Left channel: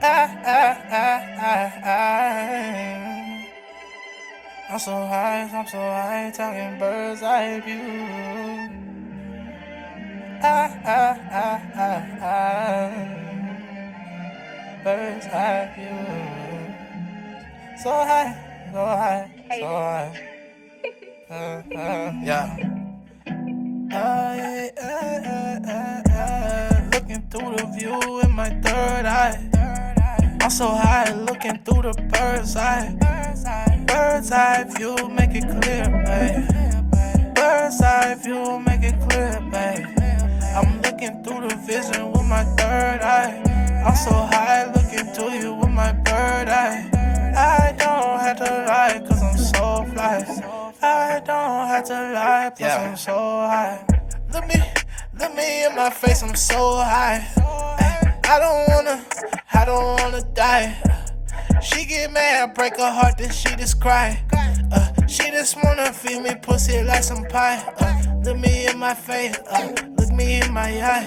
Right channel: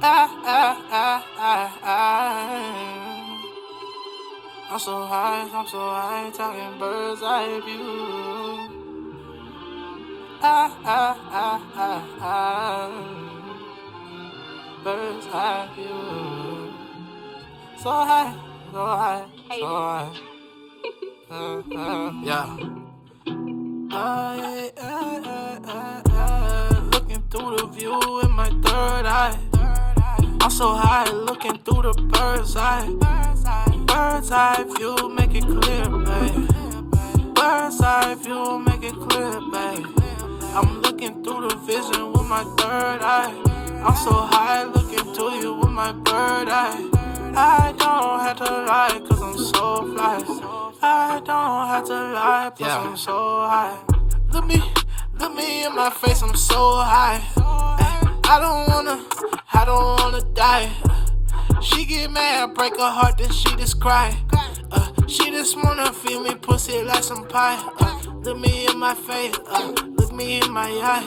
I'm so high, talking bird's eye view. Bird's eye view. So high, so high, so high. Yeah. Looking through the view in my third eye. I'm so high, looking through the bird's eye. Bird's eye view, make it clear, babe. Bird's eye view, make it clear, babe. I'm looking through the vision with my third eye. I'm so high, looking through you with my bird eye. I don't have to lie, cause I'm so fly. I don't have to lie, cause I'm so high. Look me in my face, I'm so high. I don't wanna die. She get mad, break her heart, then she just cry. She just wanna feel me pussy like some pie. Look me in my face, look me in my eye.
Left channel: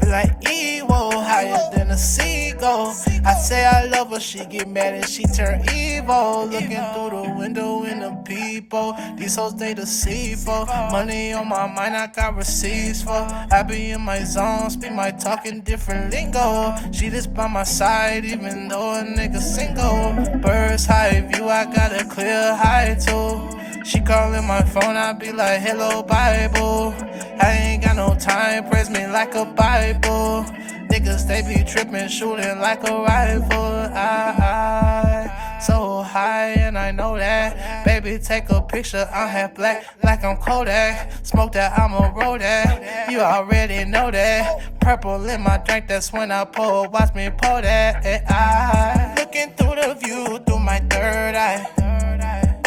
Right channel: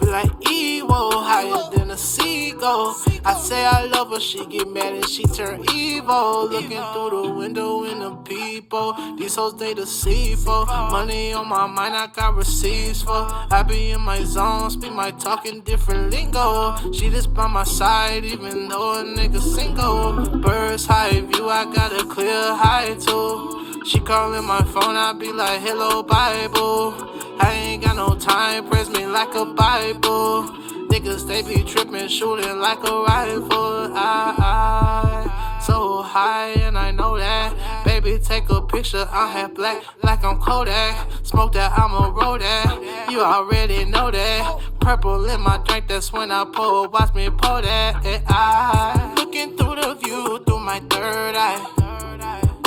Feel like evil, higher than a seagull. I say I love her, she get mad and she turn evil. Looking through the window in the people, these hoes they deceitful. Money on my mind, I got receipts for. I be in my zone, speak my talking different lingo. She just by my side, even though a nigga single. Bird's high view, I got a clear high too. She calling my phone, I be like, hello Bible. I ain't got no time, praise me like a Bible. Niggas, they be tripping, shooting like a rifle. I so high and I know that. Baby, take a picture, I'm half black, like I'm Kodak. Smoke that, I'ma roll that. You already know that. Purple in my drink, that's when I pour. Watch me pour that. And I looking through the view through my third eye.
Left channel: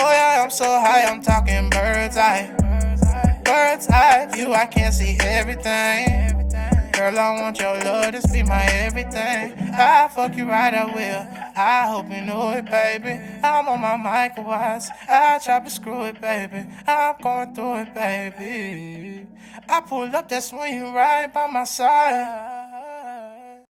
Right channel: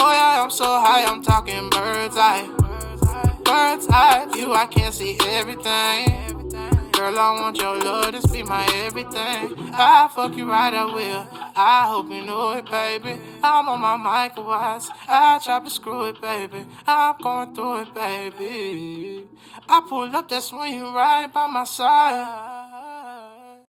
Oh yeah, I'm so high, I'm talking bird's eye. Bird's eye view, I can't see everything. Girl, I want your love, this be my everything. I fuck you right, I will. I hope you know it, baby. I'm on my mic once. I chop and screw it, baby. I'm going through it, baby. I pull up, that's when you right by my side.